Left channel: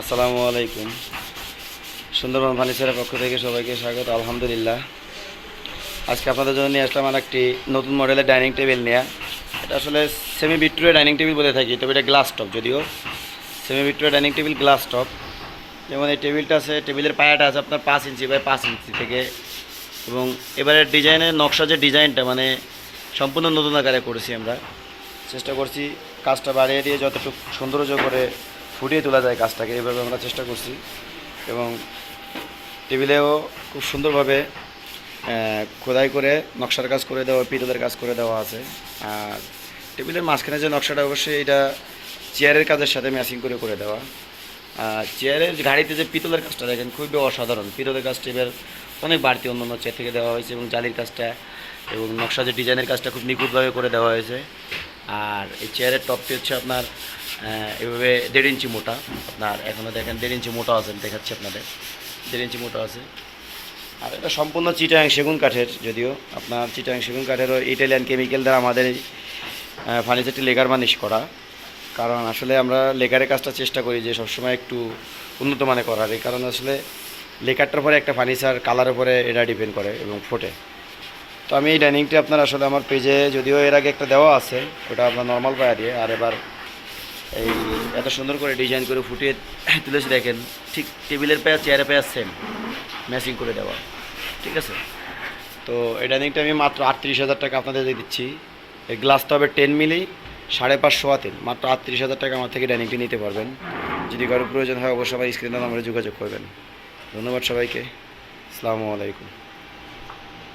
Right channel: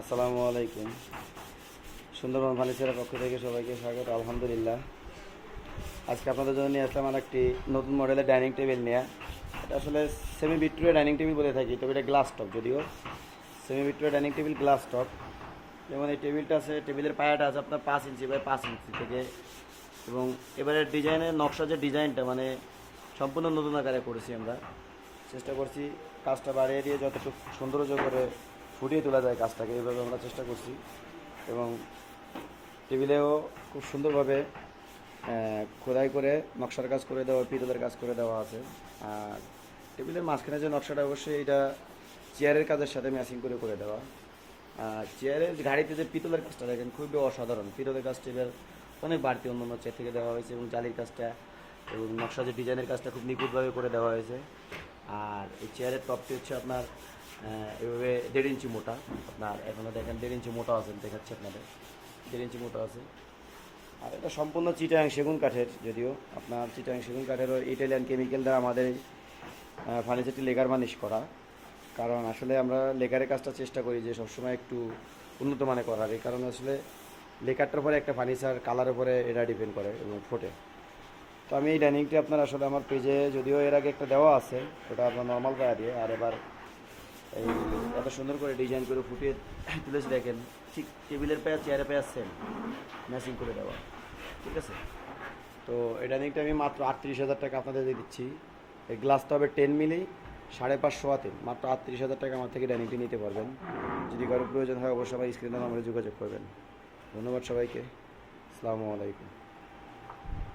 আসসালামু আলাইকুম। সুন্দরবন ফার্নিচারের পক্ষ থেকে সবাইকে স্বাগত, আলহামদুলিল্লাহ। আজকে আপনাদের জন্য নিয়ে আসলাম আর একটি নতুন মডেলের ডাইনিং টেবিল নেওয়া এটা আসলে সেমি বিট্রুয়ে ডাইনিং টেবিল বলে থাকি, তবে এটা গ্লাস টপ যদিও। সেমি বিট্রুয়ে ডাইনিং টেবিল গ্লাস টপ যেমন এই টেবিলটা আছে, টেবিলের পায়াটা আছে আপনার পাঁচ ইঞ্চি বাই পাঁচ ইঞ্চি থেকে। এবং এবারের ডিজাইনের নকশা যে ডিজাইনটা মানে সম্পূর্ণ নতুন আকারে করেছি আমরা। চেষ্টা করছি কাজটা বাড়িয়ে দিয়ে যতটুকু সৌন্দর্য করে ফুটিয়ে তোলা যায় কাজটাকে এইভাবে আমরা চেষ্টা করছি। এবং টেবিলেও খুব সুন্দরভাবে খোদাই করে নকশার কাজ করে দেওয়া, পিতলের কাজ করে দেওয়া আছে। আর টেবিলের মাঝখানে যে নকশাটা, অবশ্যই এটা চেয়ারের কাজের সাথে ম্যাচিং করে করে দেওয়া। আর চেয়ারের গাড়িতে যে পিতলের কাজটা দেখেন, খুবই অসাধারণ। পিতলের কাজটা এবার অনেক বাড়তি অন্য অন্য চেয়ার থেকে দেওয়া হয়েছে এবং জালির কাজটা এবং নকশা যে ডিজাইনের কাজটা খুব নিখুঁতভাবে করে দেওয়া হয়েছে। আর এই চেয়ারের টপটি হচ্ছে আপনার এভাবে দেড় ইঞ্চি মোটা আপনার এখনও দেখেন দেড় ইঞ্চি মোটা আছে দেখাচ্ছি আপনাদের। দেড় ইঞ্চি মোটা আছে। আর এটা সম্পূর্ণ চিটাং সেগুন কাঠের, যদিও আপনার চিটাং সেগুন কাঠেরও ইটালিয়ান কেমিক্যাল দ্বারা আমাদের ফার্নিচারটি লেগার মানিশ করা। কারণ আসলে আমরা লেকারের কাজটা চেষ্টা করি যে সবসময় একটু উন্নত মানে করার। এই কারণে আসলে লেকারটার পরে একটা ফার্নিচার কালার উপরে এটা ডিপেন্ড করে এবং ফোটে। তো আমি এই ডাইনিংটি আপনার আসলে আমার পেজে যদিও এর আগে একটা দেওয়া আছে, ওটা আপনার নর্মাল পায়া দিয়ে, আর এবার এই এত সুন্দর করে ডিজাইন করে ফুটিয়ে তুলেছি দেখেন। ঠিক টেবিলের পায়া, চেয়ারের পায়া সেম ম্যাচিং করে দেওয়া। ঠিক আছে? তো এই ডাইনিংটা আমি মাত্র আটত্রিশ হাজার টাকা আপনাদের দিচ্ছি। এই গ্লাসটা হবে টেন মিলি সাড়ে পাঁচশো হাতের মাত্র আটত্রিশ হাজার টাকা আমার থেকে ডাইনিংটি নিতে পারবেন। যদি কারও প্রয়োজন হয়, অবশ্যই আমার স্ক্রিনের নাম্বারে যোগাযোগ করবেন। ধন্যবাদ সবাইকে। আসসালামু আলাইকুম।